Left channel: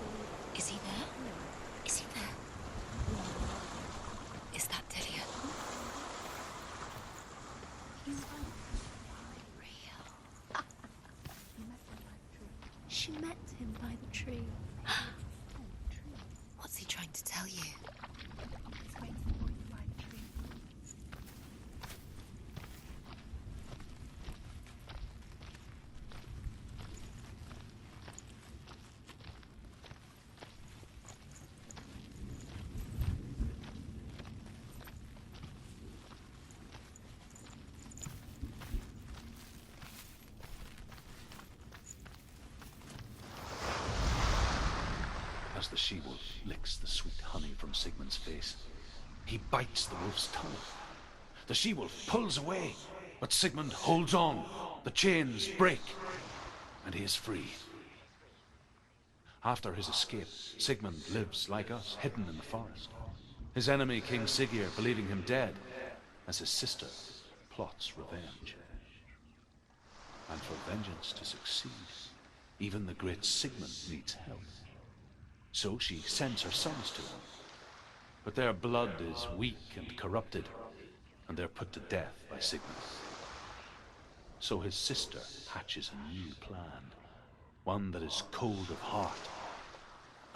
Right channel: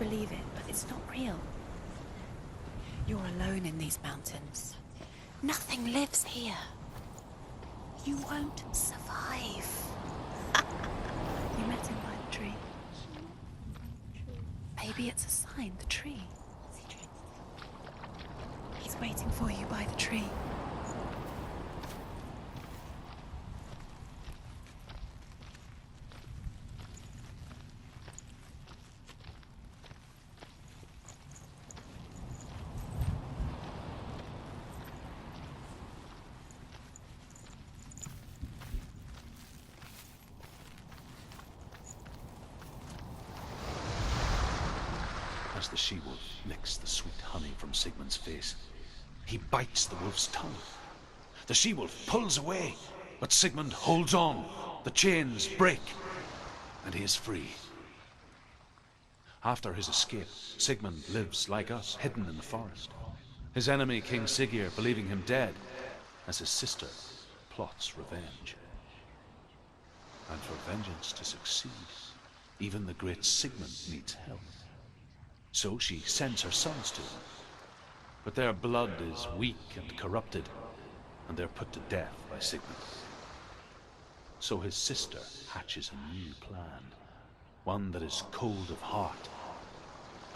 believe it. Is he It's there? not real. Is he there? You're alone in these mountains. Is that Delia? Nothing lives here. You won't survive. You met him by the tree. She met him by the tree. Maybe it's a sign, the tree. What's he trying to tell you? He's waiting for you by the tree. As the she-wolf licks the sweet honey from Sigmund's face, he bites the wolf's tongue. The she-wolf pulls away, but Sigmund holds on. The chains break, and he is free. After his escape, Sigmund lives like us, hidden in the forest. His enemy, King Siggeir, believing him dead, as his sister plots revenge. And for vengeance to succeed, even the great Sigmund needs help. So she sends her sons to him. But their blood is weak and corrupted, and they're put to death by Sigmund. So his sister hatches a new plan, one that is cold of heart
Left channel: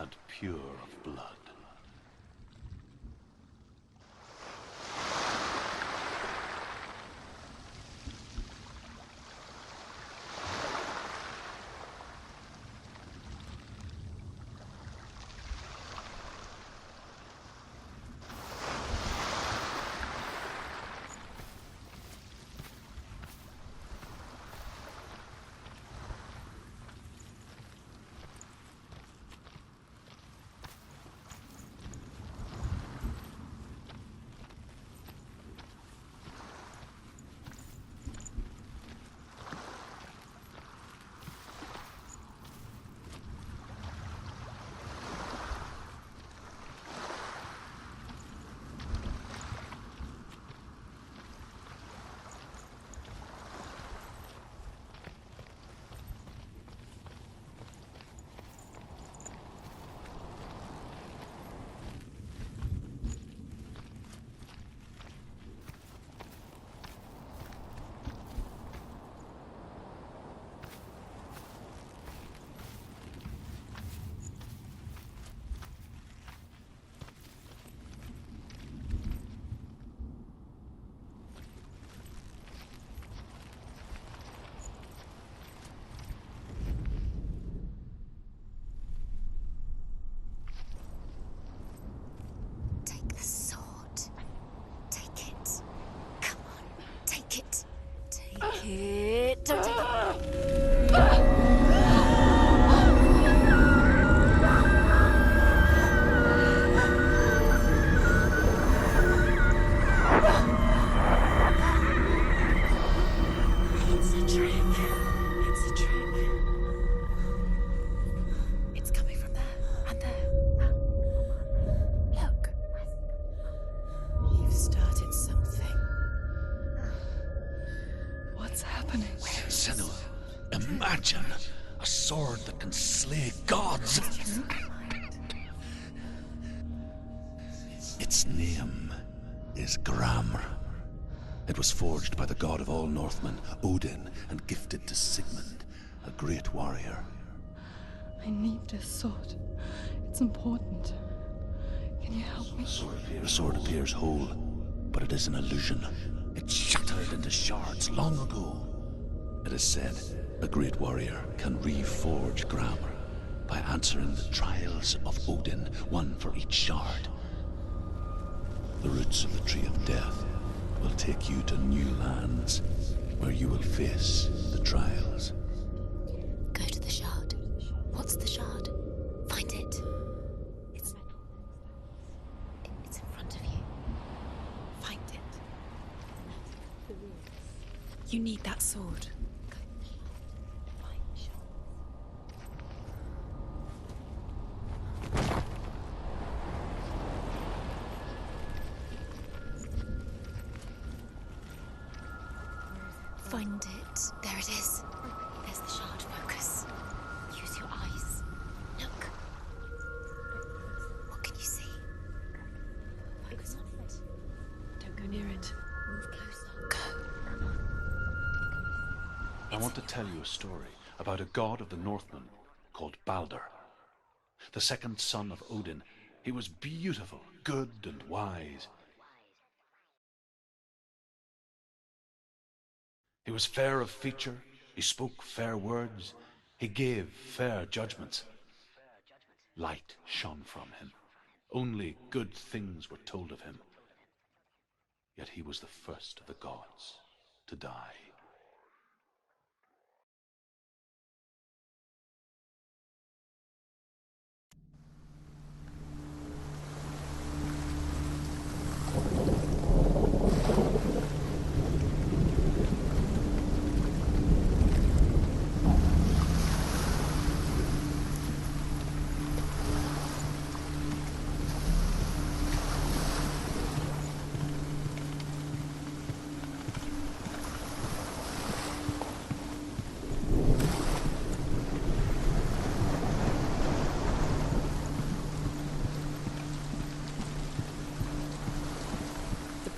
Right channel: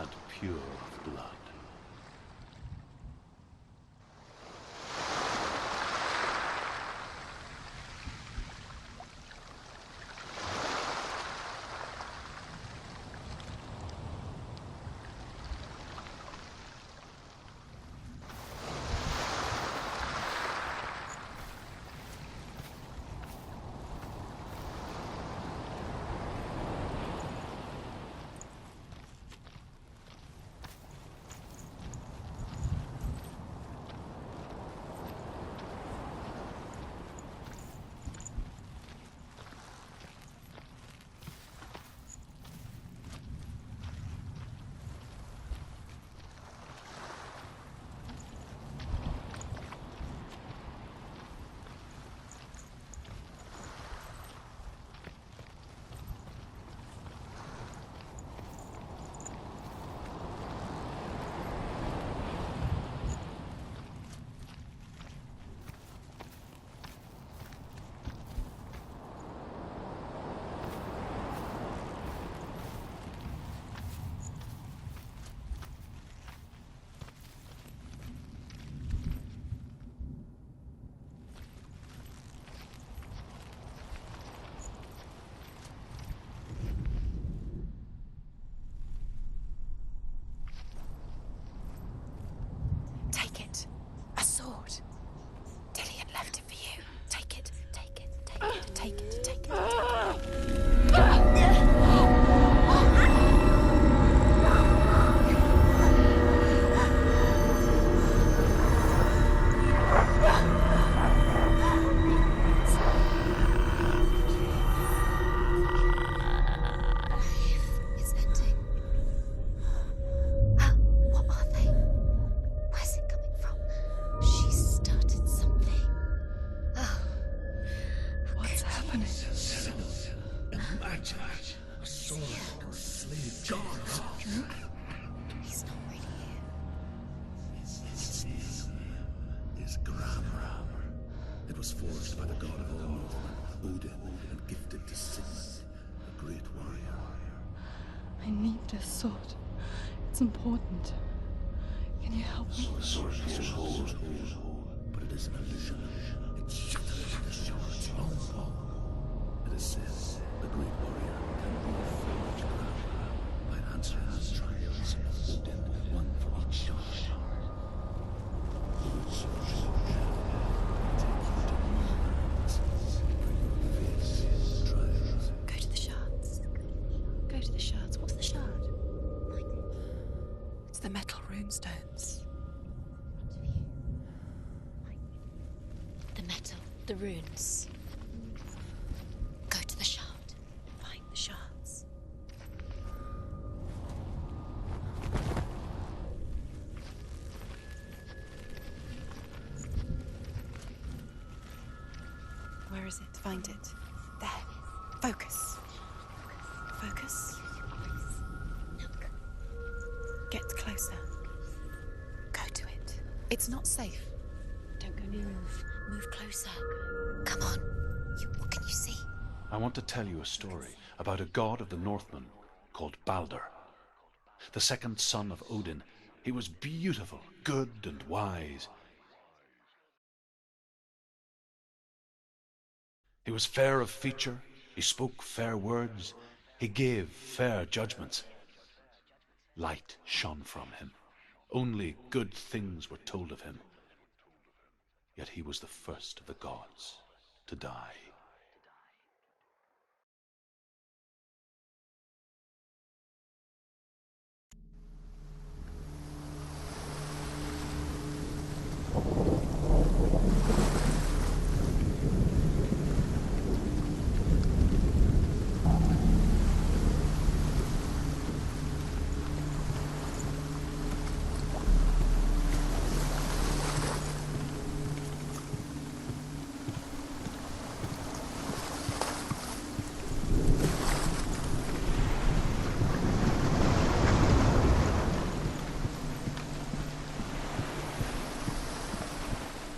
and pure of blood. Imagine a sword that can slay gods. Its name is Gramr. It was forged by the god of all Northmen, Odin, and gifted to Sigmund, a great warrior. I need this sword. It's important. Can you help me? The sword appears whole, but it is an illusion. It shattered into shards long ago. It is said a great warrior can reforge Gramr by answering the trials of Odin, one for each shard. The roots of the Tree of Death will take you to new lands, where you will face the trials. Go to the shards. Go to the shard. Go to the shards. What's the shard? Find it. It's the metal runestones. It's in front of you. Find it. The metal. The runes. You need that sword. Go to the shard. Find the shards. Where is it? Find it. There it is. Focus. There's the shard. Focus. Focus. Use your eyes. Look. It's not safe. Don't go near it. Move closer. Go. Come on. What can you see? I want to tell you a story about a god of the Northmen called Balder. The second son of Odin. He was beautiful, good and wise. He was fair of feature, he spoke fair words, he gave fair judgments. Light shone from him. Only good things were told of him. Yet he was the first of the gods to die.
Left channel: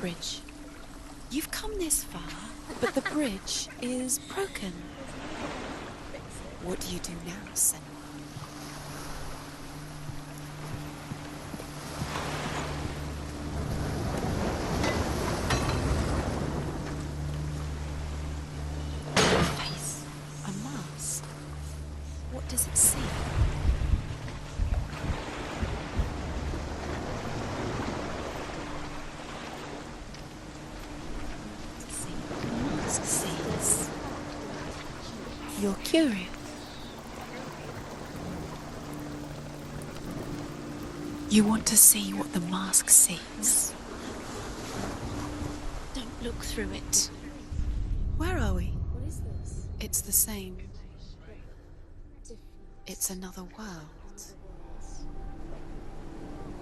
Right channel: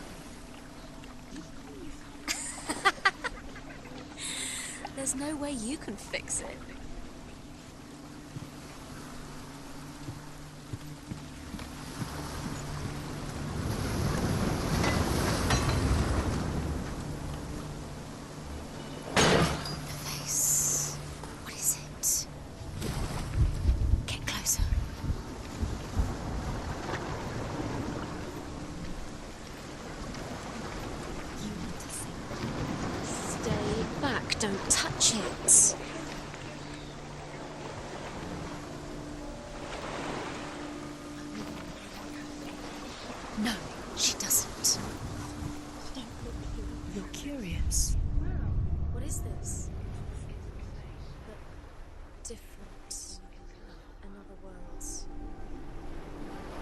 Bridge. You've come this far, but the bridge is broken. There's no way you can fix it. What do you do now, Sin? What is it? What does it say? Get closer. You need to see what the mask Stay says. back. Don't touch it. You're curious. You want to see what the mask sees? No, she doesn't. Don't look through it. You're curious. Where are we? What is this? It's the same. Different. It's another world. Another world.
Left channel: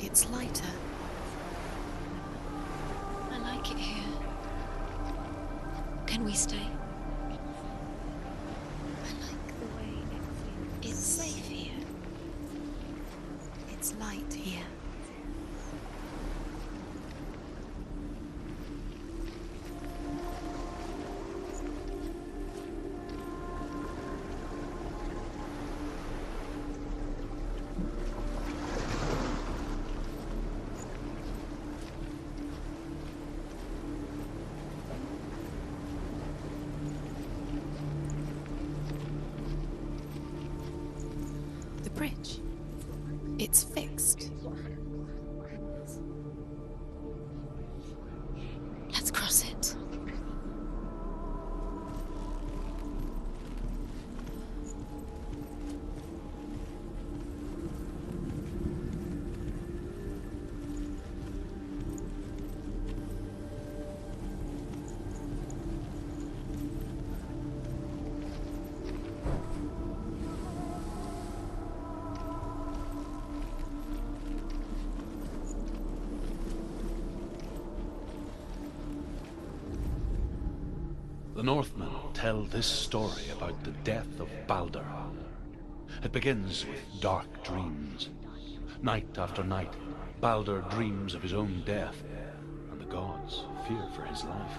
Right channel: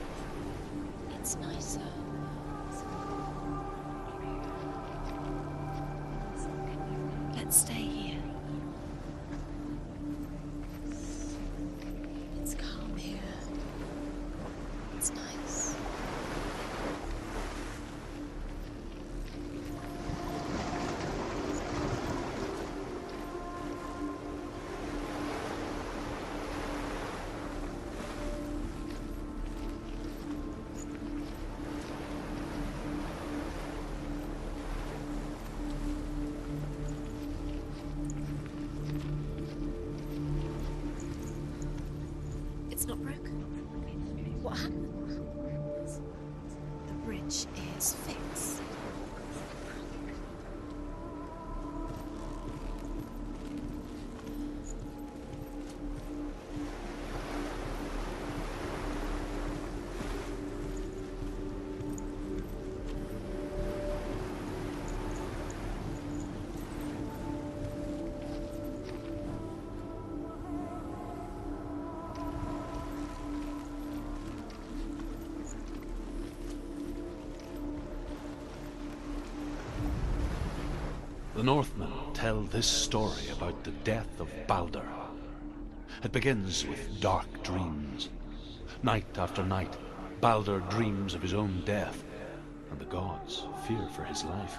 It's lighter. It's nicer. I like it here. Can we stay? Let's stay here. I like the way it feels. It's safe here. It's calm here. It's light here. It's nice. The bridge. It's not broken. It's fixed. What happened? The bridge is fixed. Let's cross it. The Northmen tell this story about the death of Balder. It begins with dark dreams. Night after night, Balder dreams of his own death, and the gods fear for his life.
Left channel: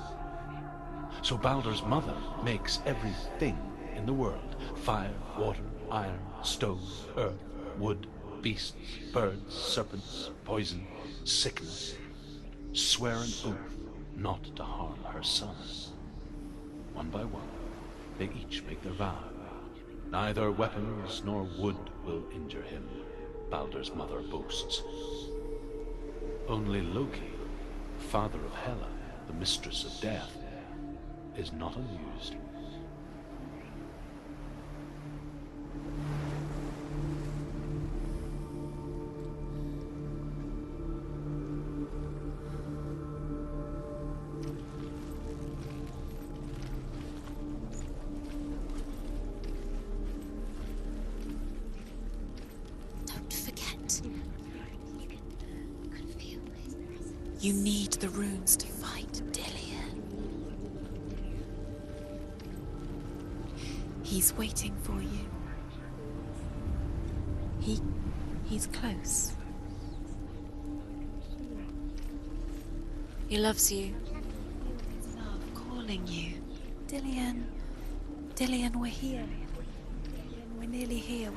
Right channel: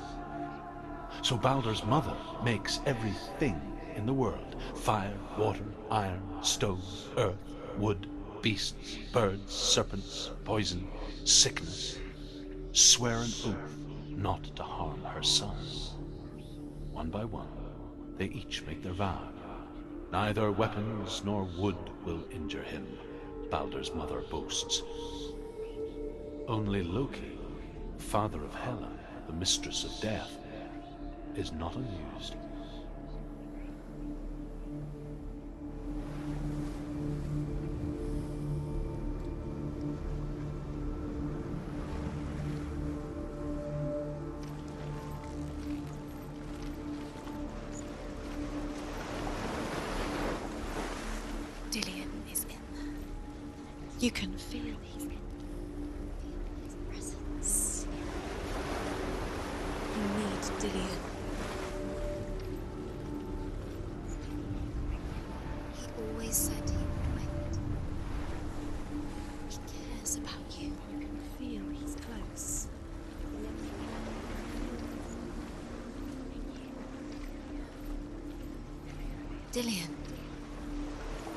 So Balder's mother makes everything in the world: fire, water, iron, stone, earth, wood, beasts, birds, serpents, poison, sickness. Swear an oath not to harm her son. One by one, they each make their vow. Neither weapons nor wood will injure him, Balder's mother boasts. Only Loki, father of Hela, the mistress of death, is not amused. Dillion is in there. Don't forget. You can feel it. You can feel his presence. You need the runes to find Dillion. You need Dillion. He's waiting for you. He always said he would wait. He's close. He cares about you. You can feel he's close. voice. He loves you. Calling you. Dillian. Dillian, we're here. Dillian. We're nearly here.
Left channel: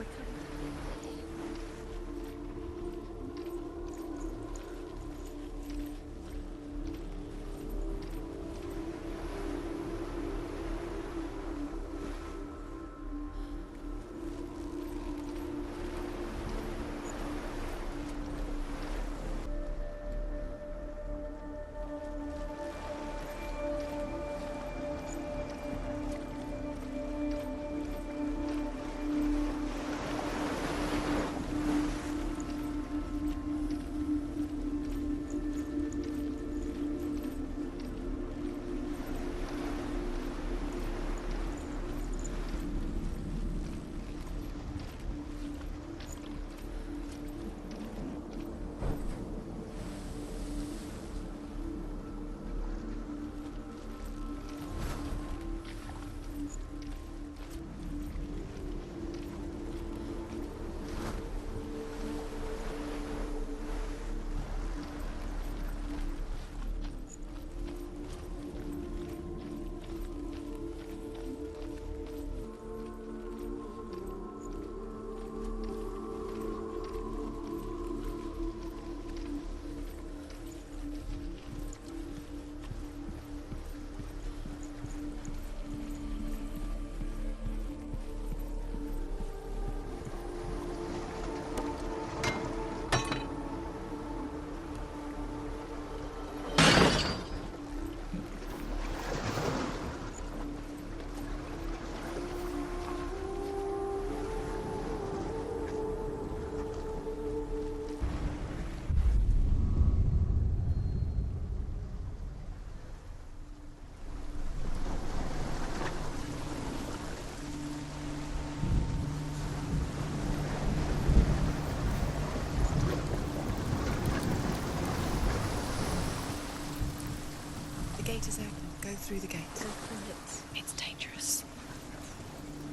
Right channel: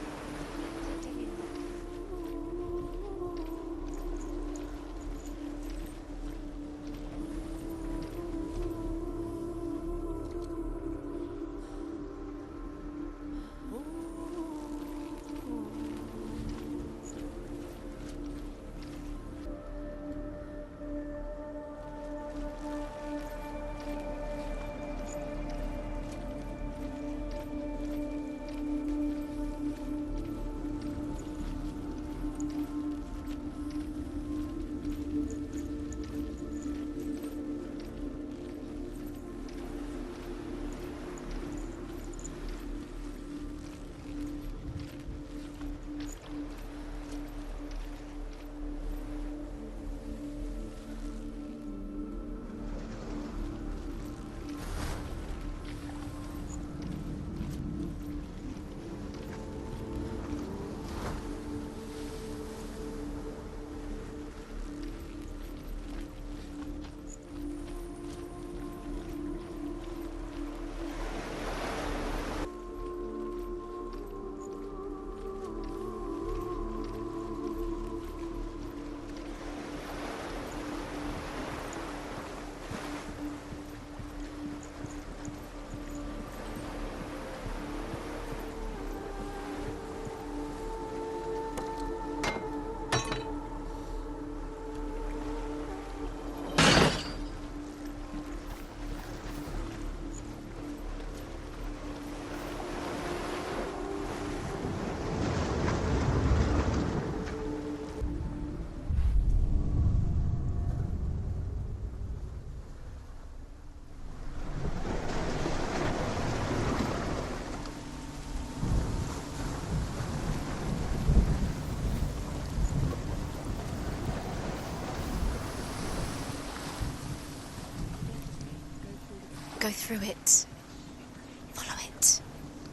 Go through it. It's dangerous. Follow it.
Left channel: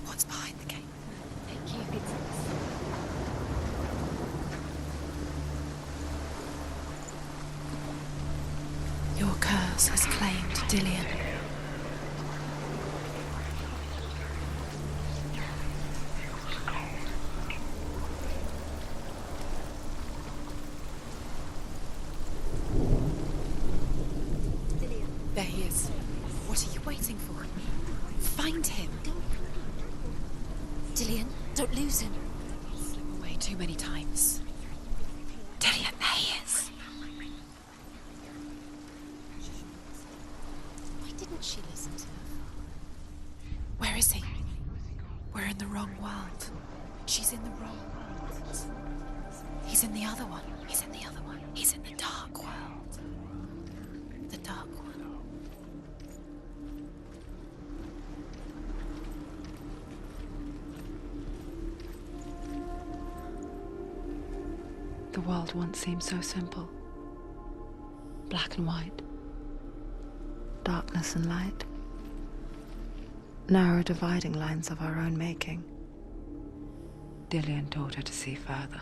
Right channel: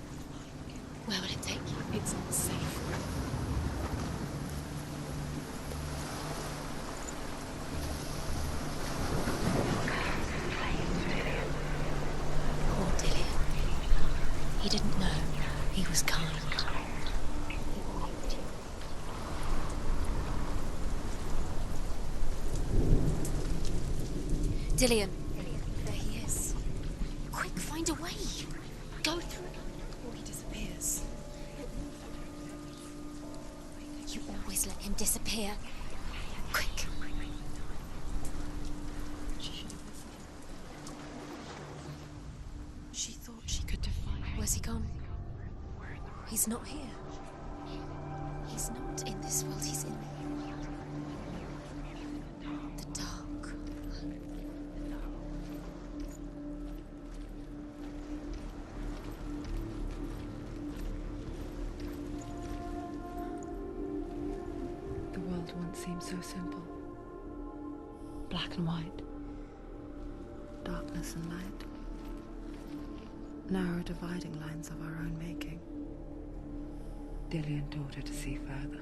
What's behind the gate? Where will it take you? It's not safe. Your curse has claimed Dillian. He didn't know. He was kind. Dillian. There he is. There he is. What are you waiting for? Quick, find a way. Find him. Go through. Before he disappears. Dillian, don't lose him. Away too many times. Always let him disappear. Dillian, there he is. Quick. Why didn't she listen to him? She thought she could. Where is he? Where's he gone? We're in the wrong world. He's not here. She's in the wrong world. He's not in this world. He's in the other one. He's in the other one. He's in the dark world. the dark. The dark world. The world once seemed so simple. Black and white. Darkness and light. Narrow dividing lines of our own making. Dillian taught her to see further.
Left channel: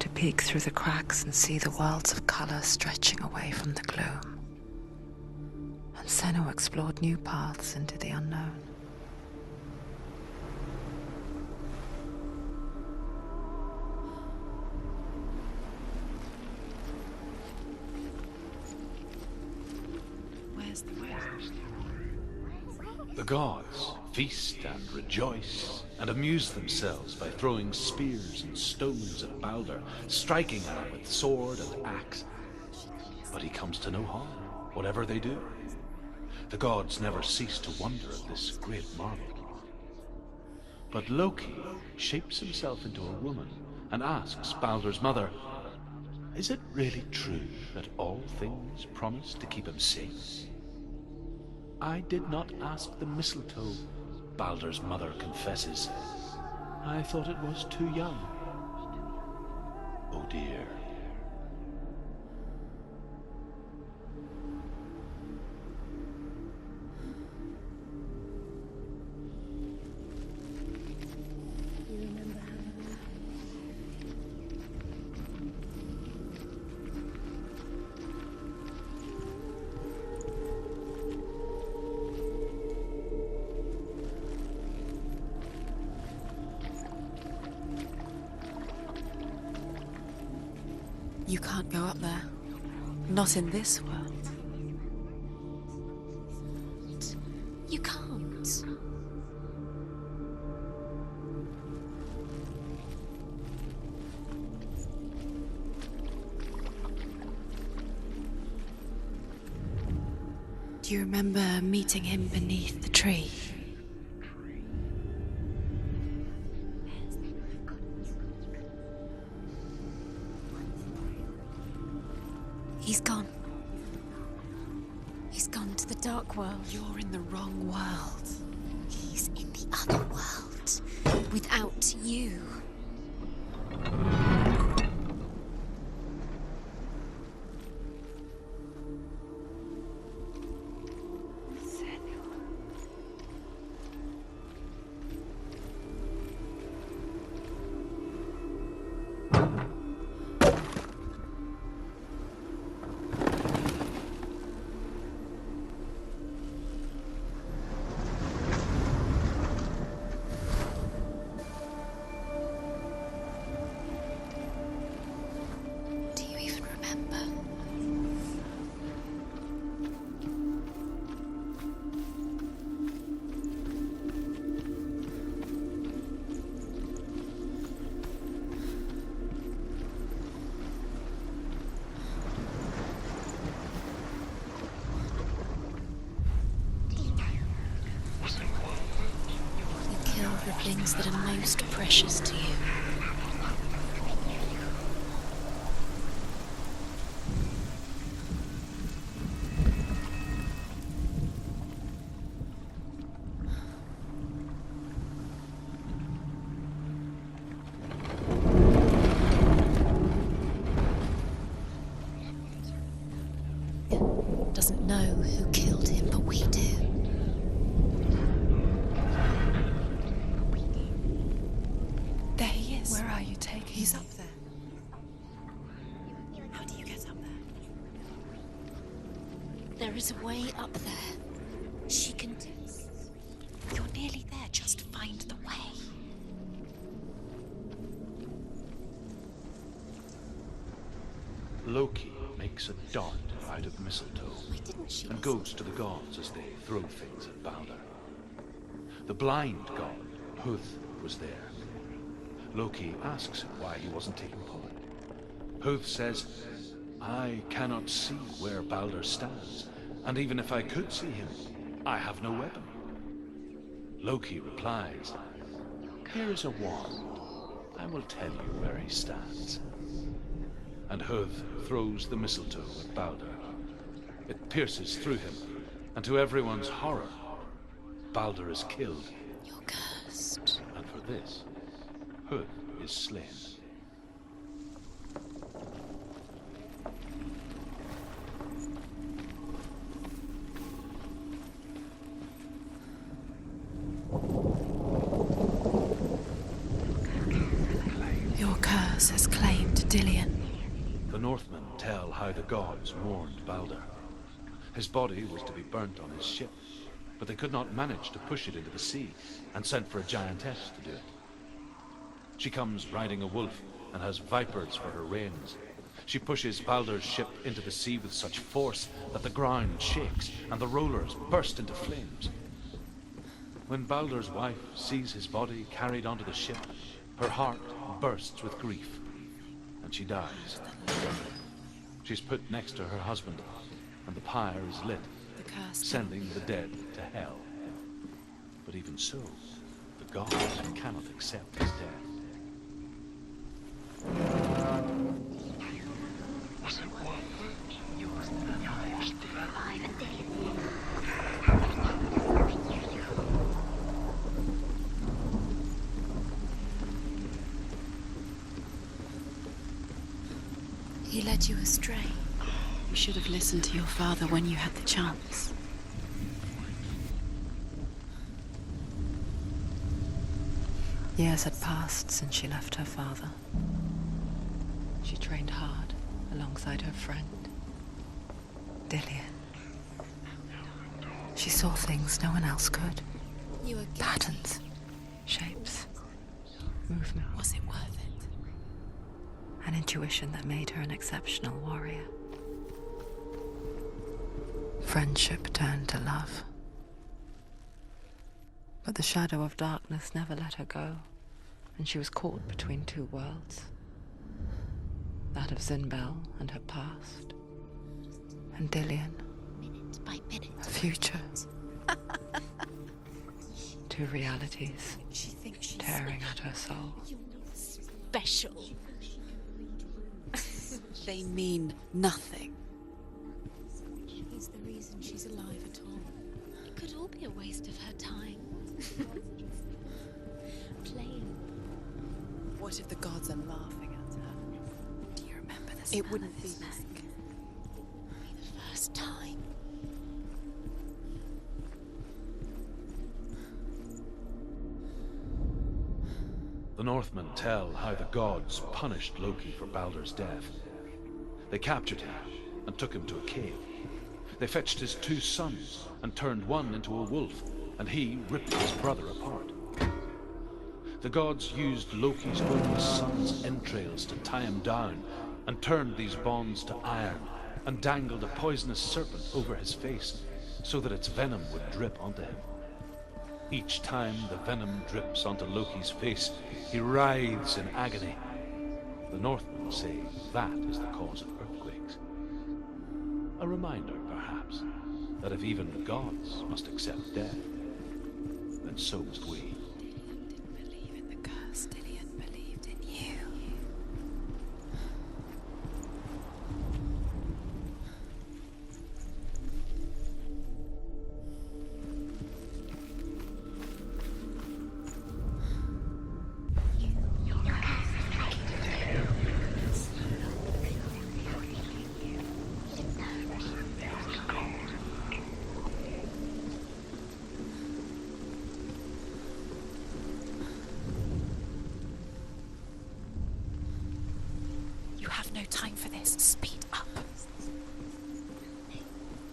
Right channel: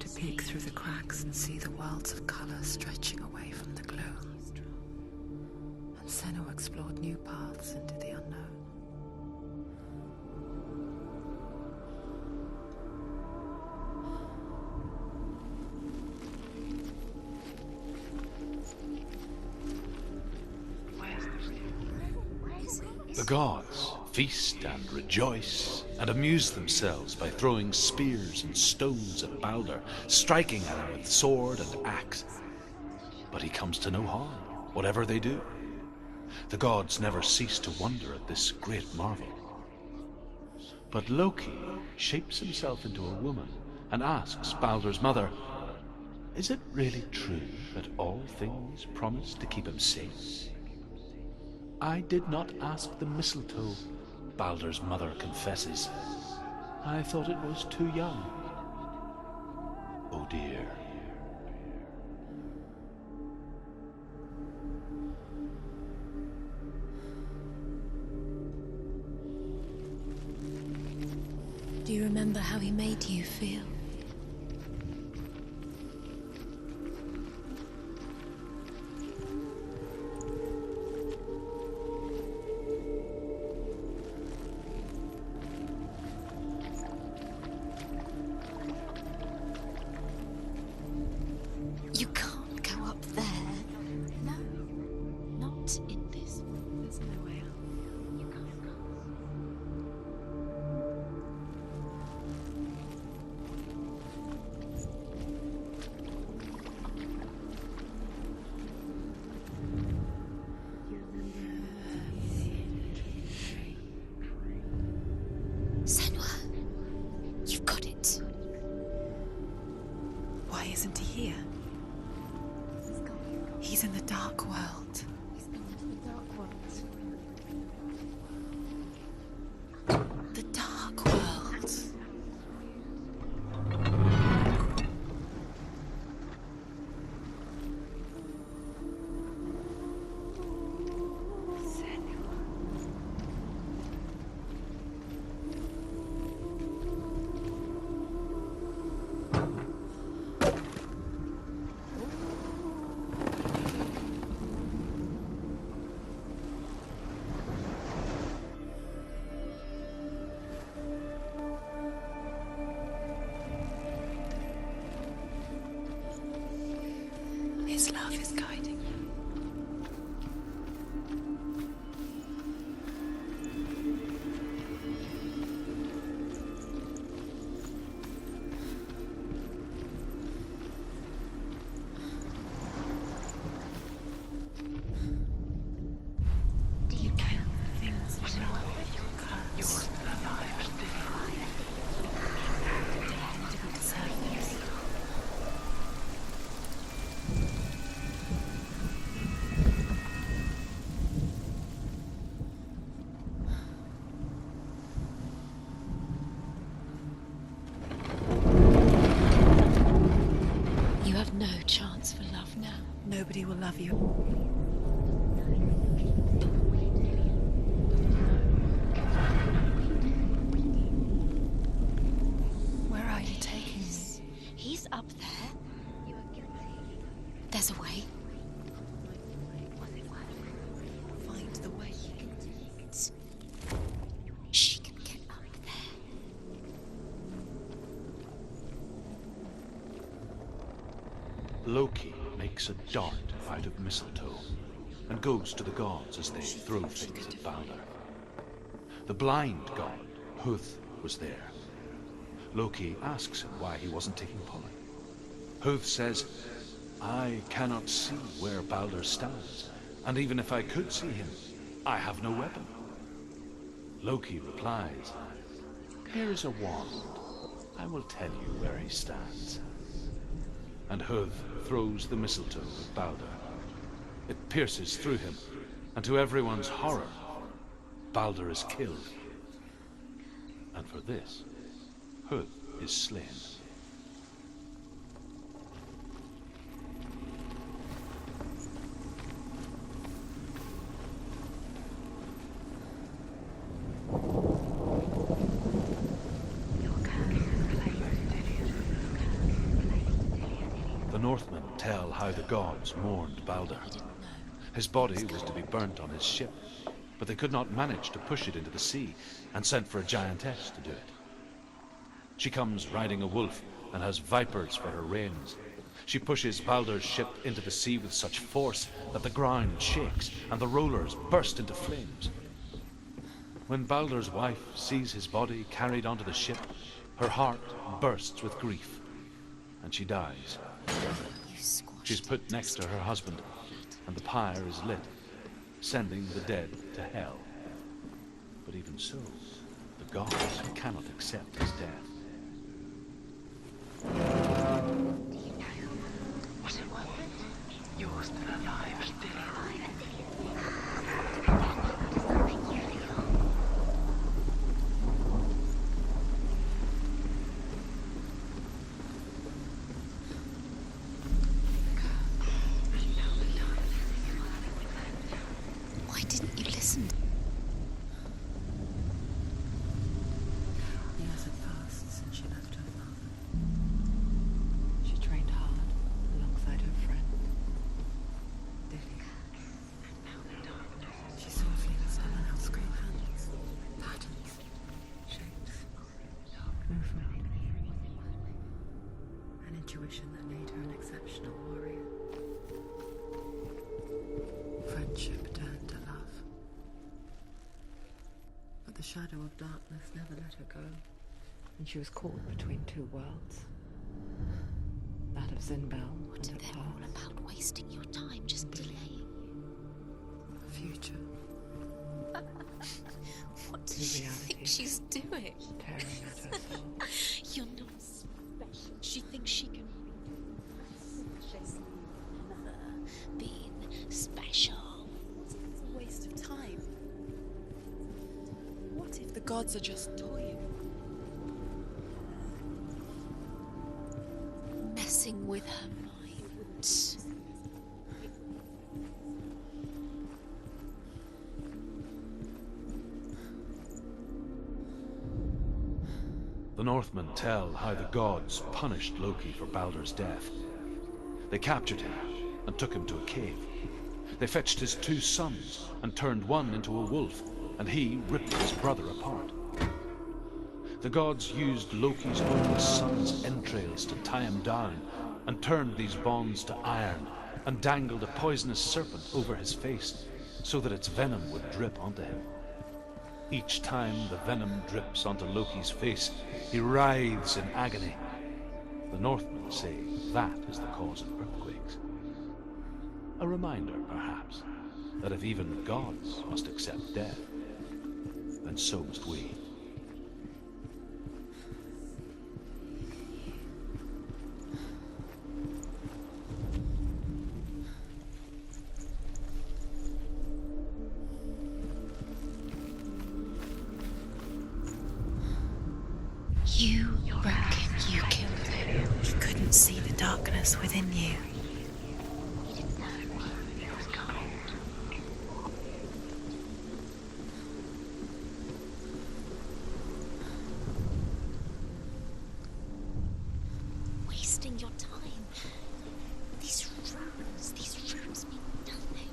To peek through the cracks and see the worlds of color stretching away from the gloom. And Senna explored new paths into the unknown. The gods feast and rejoice and amuse themselves by throwing spears and stones at Balder, striking at him with sword and axe. But he comes to no harm, whatever they do. The gods never cease to wonder at this great marvel. But Loki shapes himself into a woman and asks Balder's mother, "Is it really true that all things promise to keep him safe?" "I did not ask the mistletoe," Balder's mother confesses. "I thought it was too young." Oh dear. Do you remember how he made you feel? Go up You there. can't go up Not there. in this world. No, not in this world. You can't. Do you remember meeting him beneath the tree? Senwa, you've got it. Why isn't he here? He's gone. He's in the dark world. He's gone to the dark world. You're in the wrong world. He's in the other world. The dark world. Without you. Do you even remember? His love is guiding you. Do you know things that are kill the things that are most precious to you? You have no chance for love now. Nobody will love you. Doesn't know who killed him, but we do. There he is. Where are you taking He's me? up there. He's up there. How do you get up there? There's a way. There is a way up there. Find the way. She can do it. You're nearly there. She can find the way. Loki makes a dart out of mistletoe and goes to the gods as they throw things at Balder. The blind god, Huth, was there. Loki asks him why he wasn't taking pollen. Huth says, I cannot see where Balder stands, and even if I could see him, I have no weapon. Loki replies, here is a wand. I will tell you where he stands. And Huth throws the mistletoe at Balder. It pierces through him, and to everyone's horror, Balder is killed. You're cursed. And for this, Huth is slain. Your curse has claimed Dillion. The Northmen tell how the gods mourned Balder. His body was to be burnt on his ship, but they could not manage to push it into the sea and sent for a giantess to do it. She comes riding a wolf and has vipers for her reins. She pushes Balder's ship into the sea with such force that the ground shakes and the rollers burst into flames. When Balder's wife sees his body carried onto the ship, her heart bursts with grief, and she dies. She's put next to her husband, and the pyre is lit, sending the dead to hell. But even so, the gods cannot accept his death. He led you astray. You should have listened to your father when you had the chance. Why didn't you listen? Years had passed since she left her father. She trained hard alongside her friend, Dillion. She saw things no one else could. You were Patterns, shapes, movement. Was it worth it? an intuition that made her an exceptional warrior. Friendship turned to love. But the shadow of darkness never let her go, and she was caught between two worlds. That of Zinbel and her past, About wasting your time just and Dillian, minute by minute. her future. Two realities She's doing. tearing at her soul. You're not special. She thinks she can They mean nothing. be special. She's alive at all. Waste of time. Could all be a waste of her time. What if the gods are just toying? Playing, What if the gods are laughing at her? messing with her. It wouldn't be the first time. The Northmen tell how the gods punished Loki for Baldur's death. They captured him and took him to a cave. They fetched his two sons and turned one into a wolf, and he ripped his brother apart. The gods used Loki's only son's entrails to tie him down, and turned these bonds to iron, and dangled a poisonous serpent over his face, so that its venom would drip onto him. Each time the venom drips onto Loki's face, he writhes in agony. The Northmen say that is the cause of earthquakes. A reminder, perhaps, that if even gods must accept death, then so must we. Believe in the curse. Dillian believed in you. You reckon You couldn't see the darkness within you. wasting your You have no time for this. Speed up. These rooms mean nothing.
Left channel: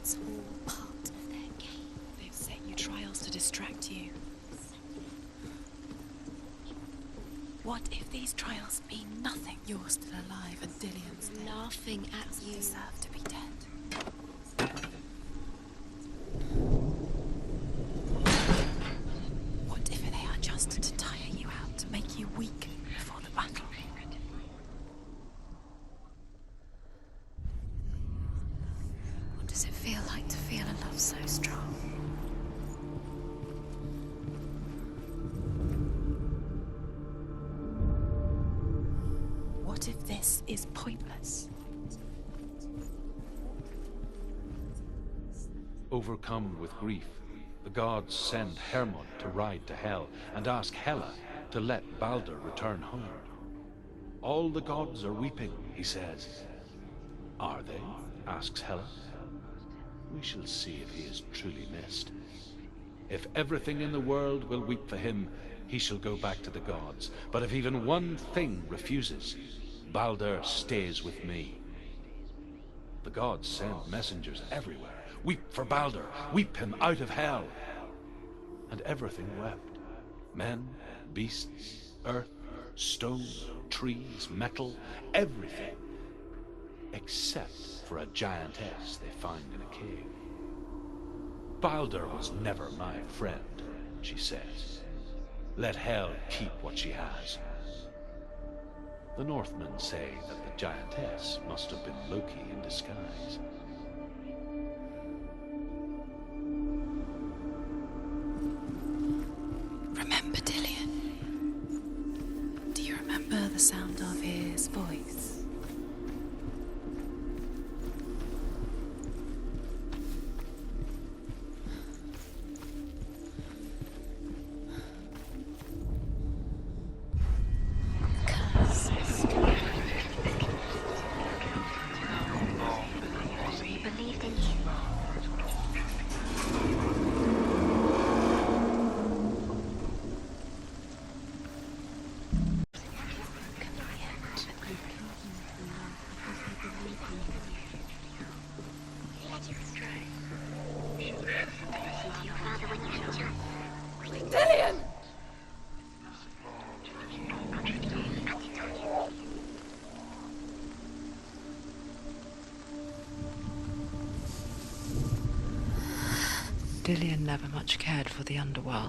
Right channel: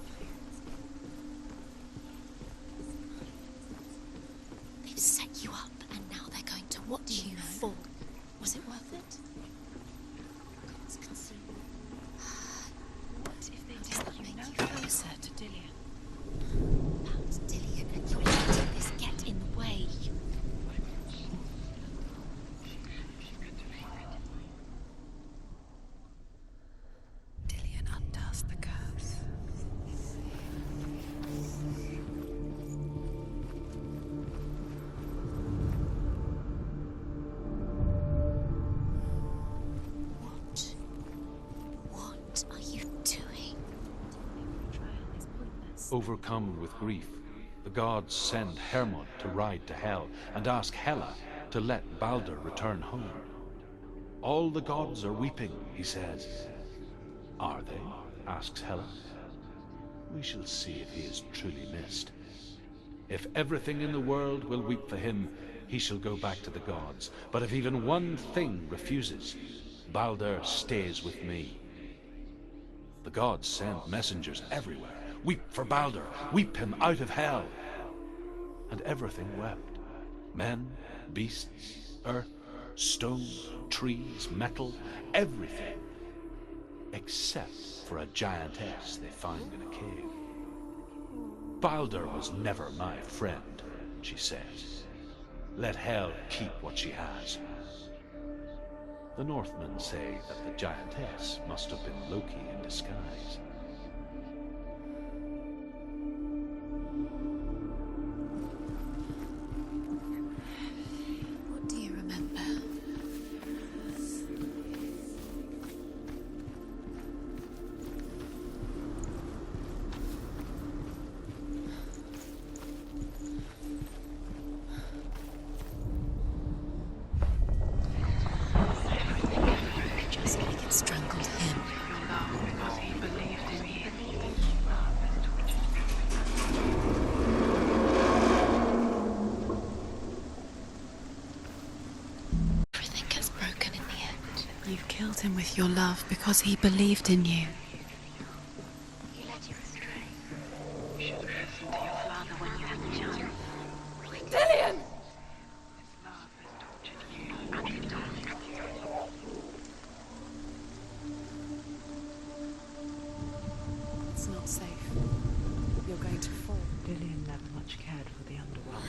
It's all part of their game. They've set you trials to distract you. They've set you up, and now they're going to watch you fall. What if these trials mean nothing? You're still alive and Dillian's Laughing at you. deserve to be dead. Nothing Closer to Dillian. about Dillian, and your ideas get in the way. What if they are just to tire you out, to make you weak before the battle? Dillian undoes the curse. What does it feel like to feel a love so strong? What if this is pointless? What are you doing? Overcome with grief, the gods send Hermod to ride to Hell and ask Hela to let Baldur return home. All the gods are weeping, he says. Are they? Asks Hela. We shall see if he is truly missed. If everything in the world will weep for him, he shall go back to the gods. But if even one thing refuses, Baldur stays with me. The gods send messengers everywhere. Weep for Baldur, weep him out of hell. And everything wept. Men, beasts, earth, stone, trees, metal, everything. Except for a giantess they find in a cave. Baldur was never my friend, she says. Let hell keep what she has. The Northmen say that the giantess must have been Loki in disguise. Remember Dillian? What do you remember? Do you remember the sound of his voice? Just strangled him. Everything gets broken in the end. You killed him with your love because he believed in you. You let him stray. Dillian! Dillian never much cared for the underworld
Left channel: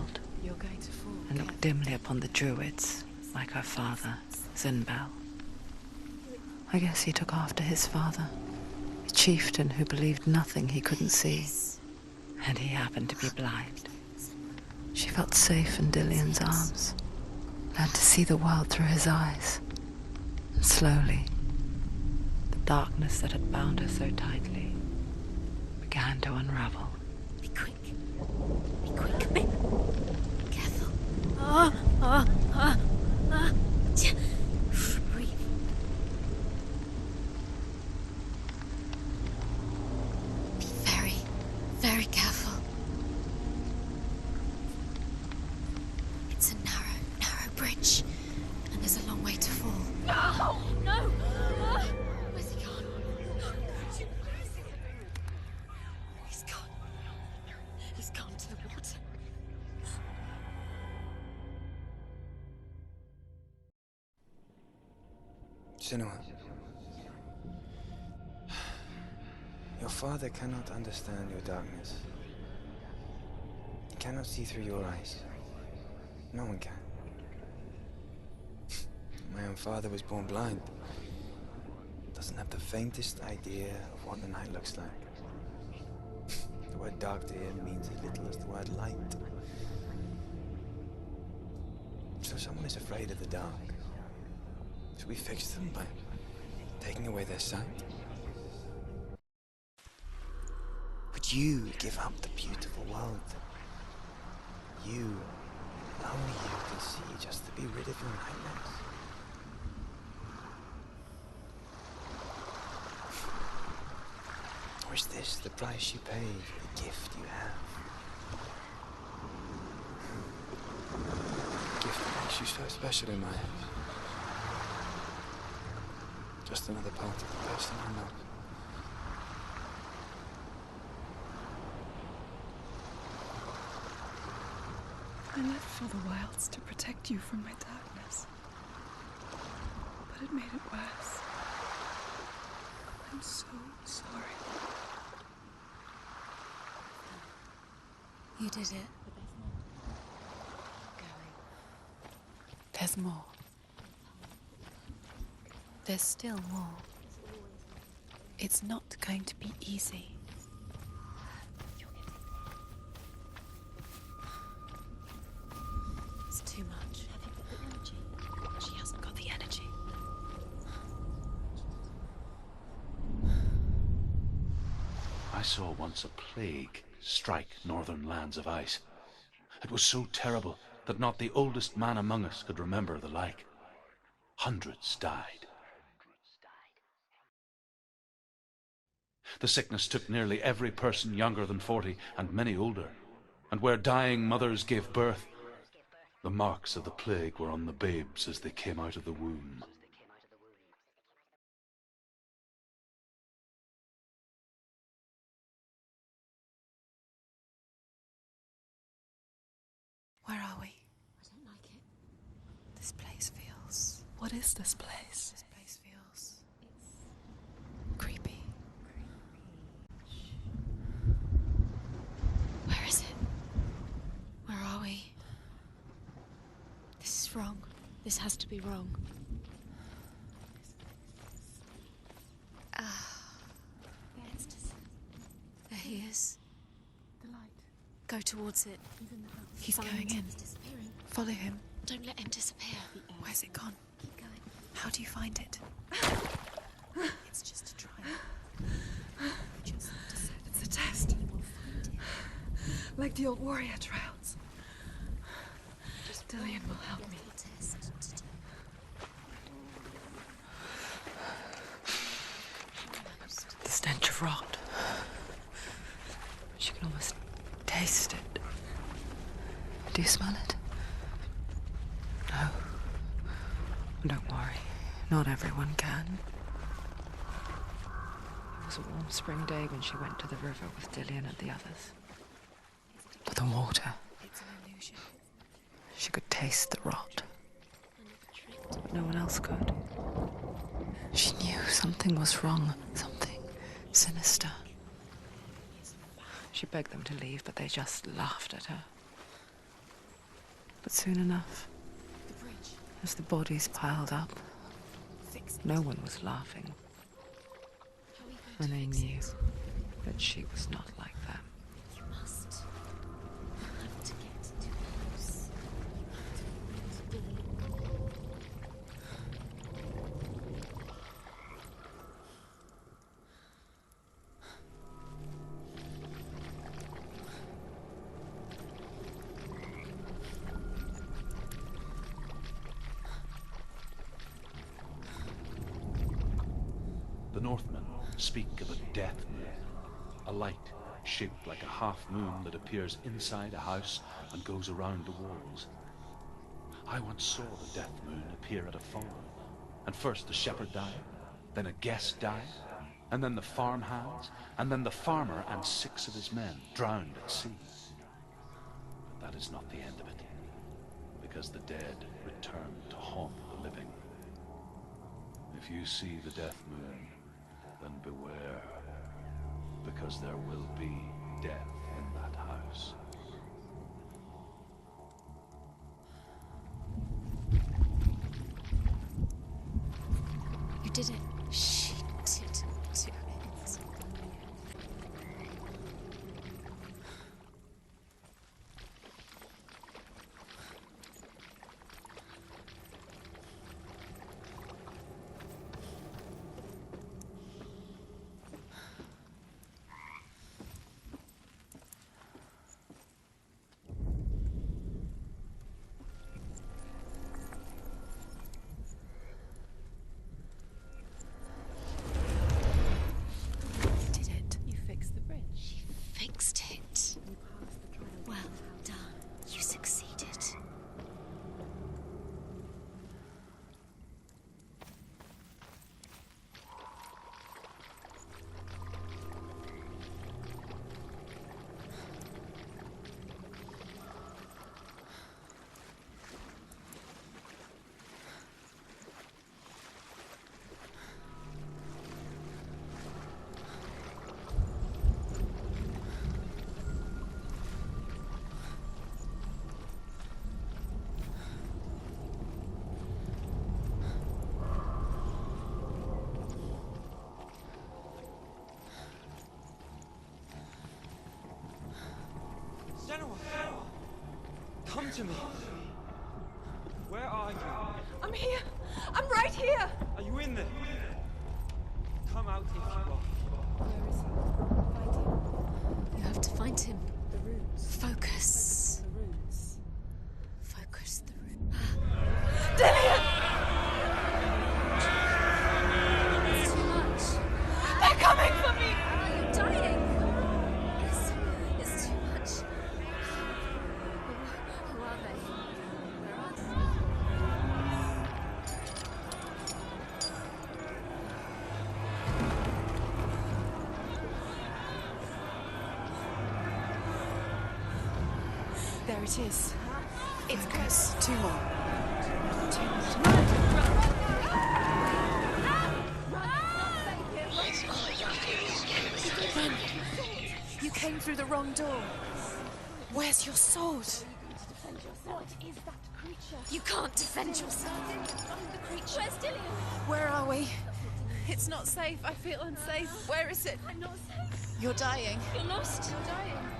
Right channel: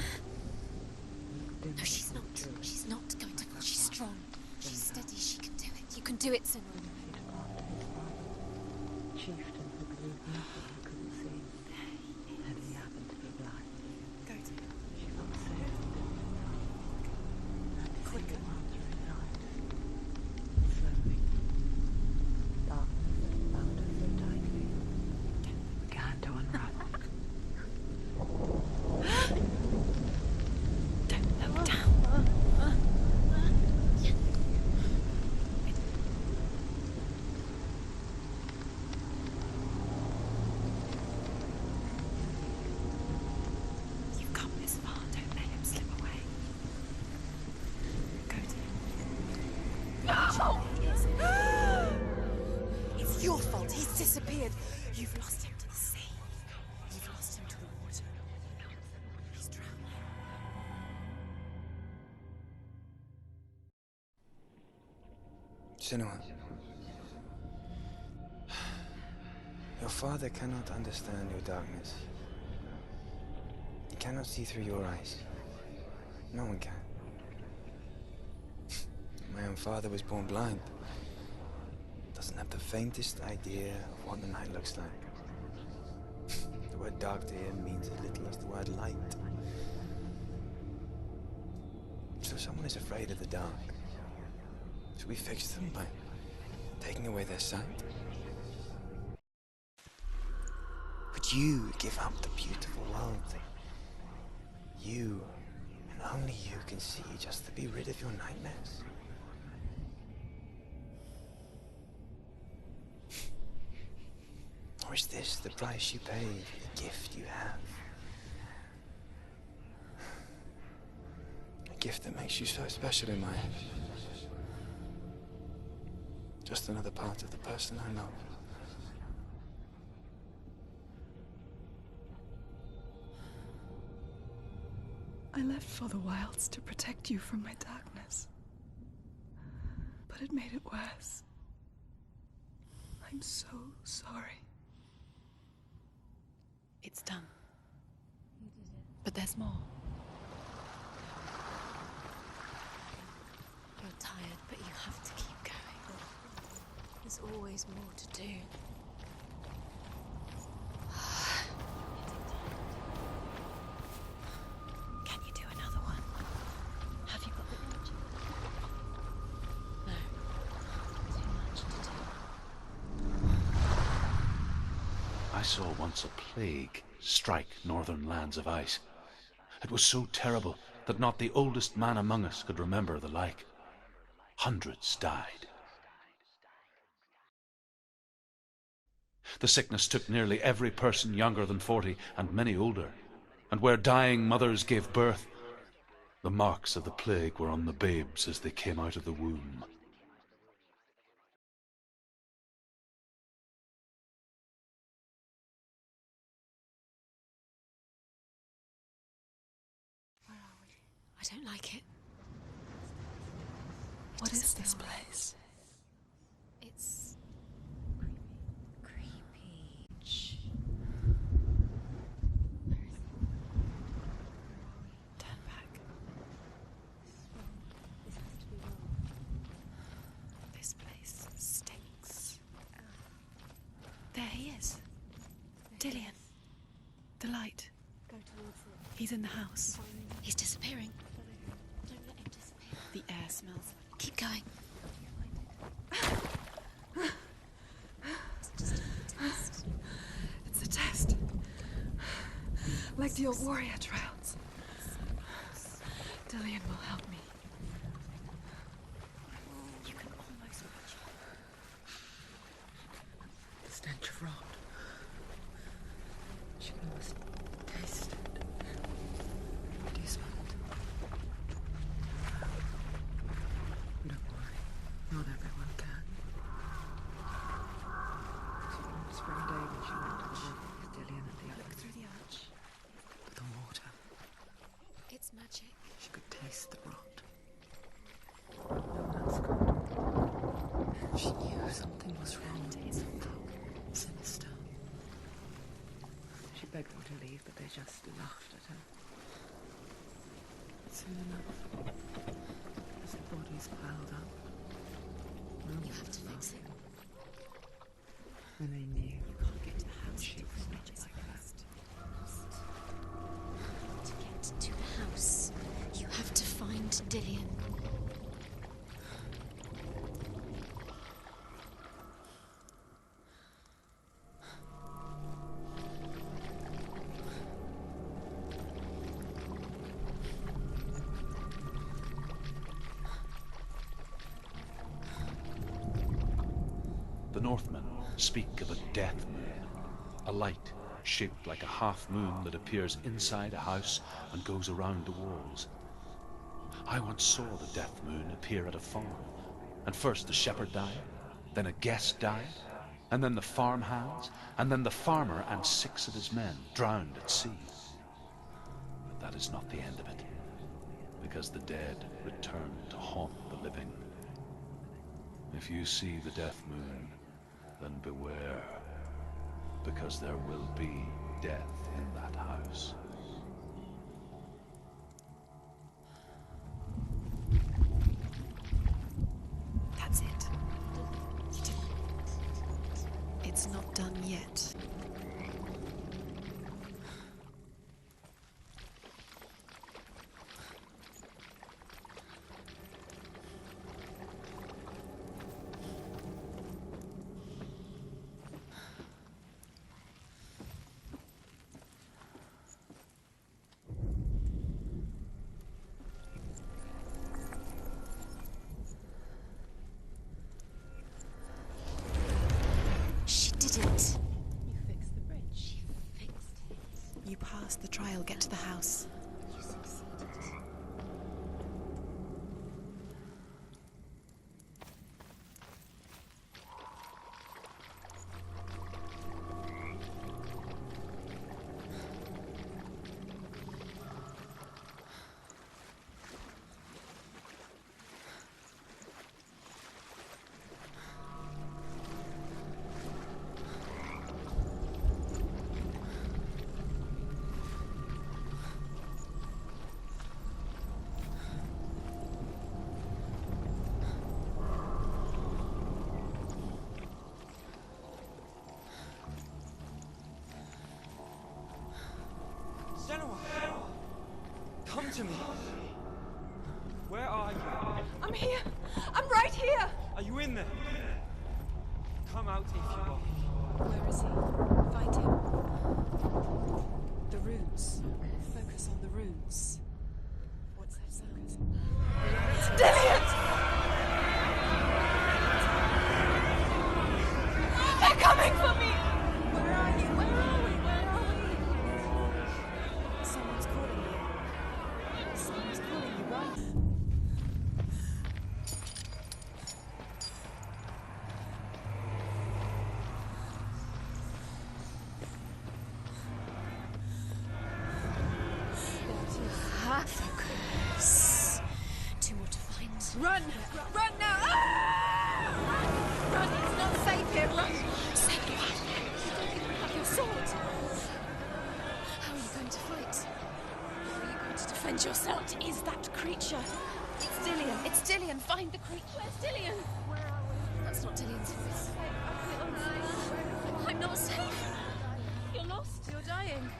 You're going to fall. and looked dimly upon the druids, like her father, Zinbel. She can do it. You can do it, Zinbel. I guess he took after his father, a chieftain who believed nothing he couldn't see, and he happened to be blind. She felt safe in Dillian's arms, learned to see the world through his eyes, and slowly, the darkness that had bound her so tightly began to unravel. Be quick. Be quick. Careful. Don't breathe. Be very, very careful. You've come this far. Don't let him slip away. It's a narrow bridge. And there's a long way to fall. No! No! Where's he gone? It's your fault. He's disappeared. You've lost him to the sea. He's gone. You've lost him. He's gone to the water. He's drowned. Senua, your father cannot understand your darkness. He cannot see through your eyes. No one can. My own father was born blind. Doesn't have the faintest idea of what the night looks like. The word dark to him means as little as the word light. So someone is afraid of the dark. Should we fix them by taking away their sight? Would you give up the beautiful world that you, and only you, can see just to be rid of your nightmares? Or is this the price you pay for the gift you have? A gift that makes you so special in my eyes. Just another part of the person I love. I left for the wilds to protect you from my darkness. But it made it worse. I'm so sorry. It's done. You did it. But there's more. There's more. You're tired, but you have to keep going. There's still more. There's always more to do. It's not going to be easy. Can you do another one? It's too much. Have you got the energy? She hasn't got the energy. No. Too much to do. I saw once a plague strike northern lands of ice. It was so terrible that not the oldest man among us could remember the like. Hundreds died. The sickness took nearly every person younger than 40 and many older, and where dying mothers gave birth, the marks of the plague were on the babes as they came out of the womb. Where are we? I don't like it. This place feels... What is this place? This place feels... It's creepy. creepy. Where is it? Where are we? Turn back. This is wrong. This has to be wrong. This place stinks. There he is. There he Dillian. is. The light. Go towards it. He's in the house. He's Find going him. in. He's disappearing. Follow him. Don't let him disappear. The air Where's it smells. gone? Keep going. How do you find it? It's just a trial. It's just a It's a test. Like the old warrior trials. Dillian will help me. The stench of rot. She can almost taste it. Do you smell it? No. Don't worry. Not everyone can. It was a warm spring day when she went to the river with Dillian and the others. But the water, It's an illusion. It's magic. she could taste the rot. No one else could. She knew something was wrong, something sinister. She She begged them to leave, but they just laughed at her. But soon enough, as the bodies piled up, no one was laughing. And they knew that she was not like that. To get to the house, you have to find Dillian. The Northmen speak of a death moon, a light shaped like a half moon that appears inside a house and goes around the walls. I once saw the death moon appear at a farm, and first the shepherd died, then a guest died, and then the farmhands, and then the farmer and 6 of his men drowned at sea. But that is not the end of it, because the dead return to haunt the living. If you see the death moon, then beware, because there will be death in that house. That's it. You did it. She did it. It's not done yet. She did it. You fixed the bridge. She fixed it. You passed the trial. Get to the house. You succeeded. Senua! Come to me! Where are you? I'm here! I'm right here! Are you in there? Come out if you are. Where is he? Find him. You have to find him. The runes. Focus. The runes. Focus the room. Dillian! They're coming for me! It's too much. Someone's calling you. Someone's calling you, right? There it is. It's close. Two more. Run! Run now! Run! It's not safe here. Run! You saw it. You came through the wrong door. I'm not going to fight. Where's your sword? Are you going to defend yourself? What is that creature? You can't defend yourself. It's Dillian. Find the creature. Where's Dillian? Where are we? That's not Dillian. It's not safe. I feel unsafe. Where is it? I'm not safe. You're dying. You're lost. You're dying.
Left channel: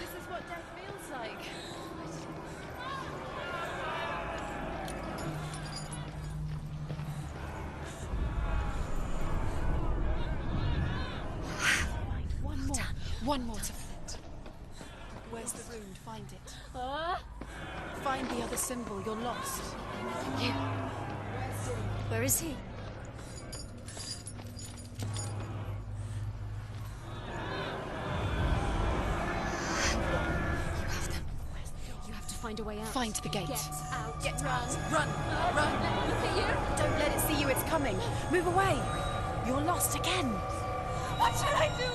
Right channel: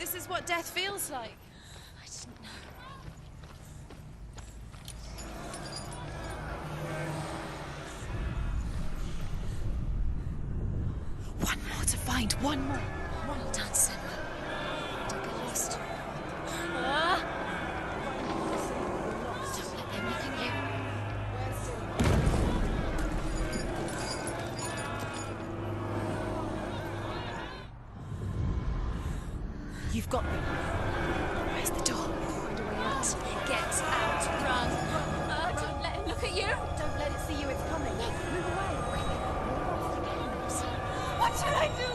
This is what death feels like. One more to find. One more. One more. Dunsand. Don't get lost. Find the other symbol. You're lost. Anything in? Where is he? You've got me. Where's the door? Find a way out. Find the gate. Get out. Run. Run. Look at you. Don't let it see you. It's coming. Move away. You're lost again. What should I do?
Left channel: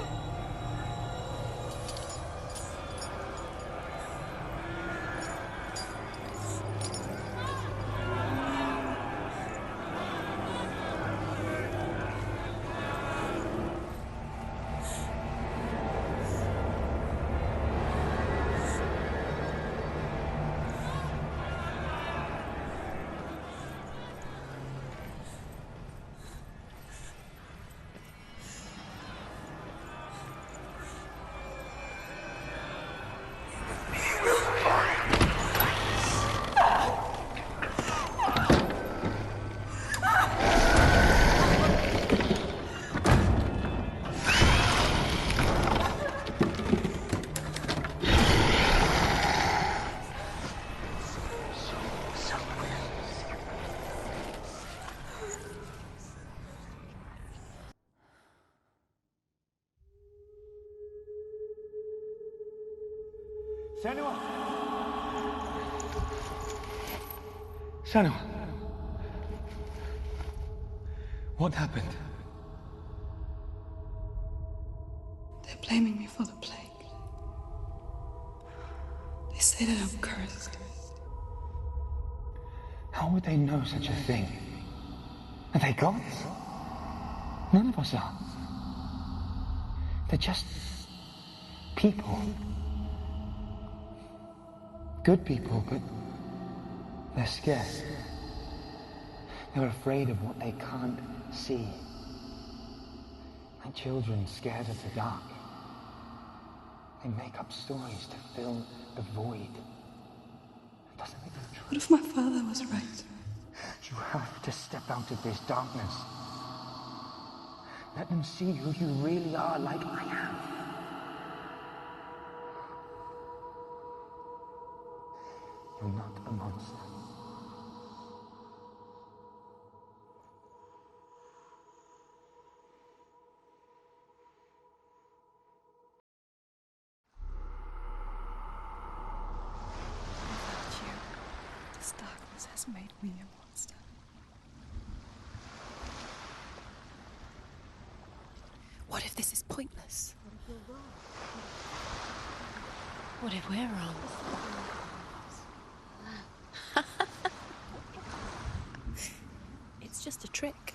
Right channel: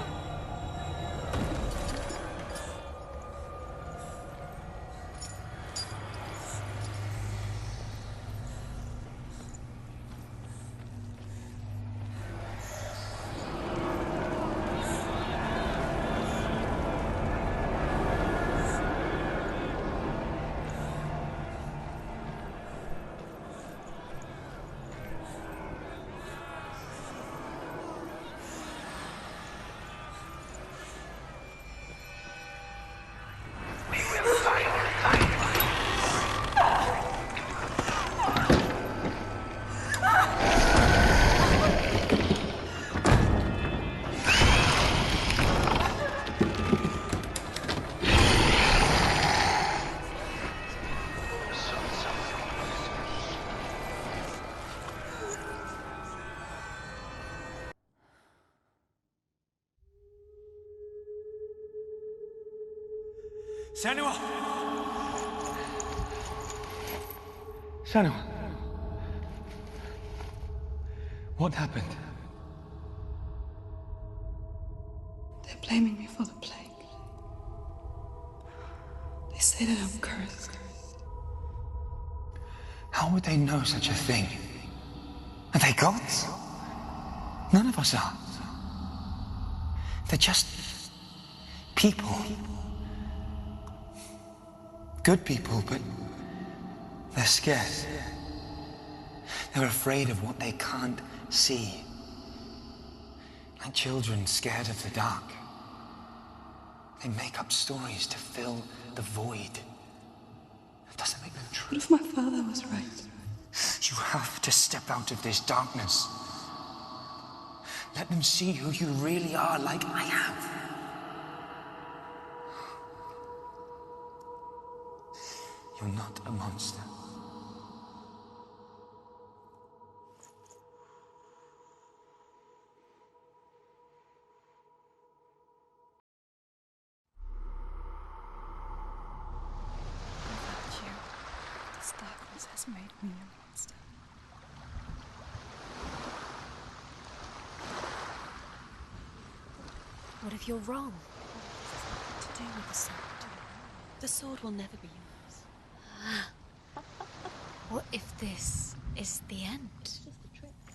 Senua! Senua! What happened? They're blaming me for the plague. They say that I'm cursed. How would they know such a thing? Are they gods? None of us are. They're just people. Good people, but they're scared. They're afraid of what they can't see. Like children scared of the dark. They make up stories to fill the void. That doesn't make them true. What if my father was right? You have to step out of this darkness. Let them see who you really are, like I have. You're not a monster. Without you, this darkness has made me a monster. What if this is pointless? What if you're wrong? What to do with the sword? What if we're wrong? The sword will never be ours. What if this is the end? It's just a trick.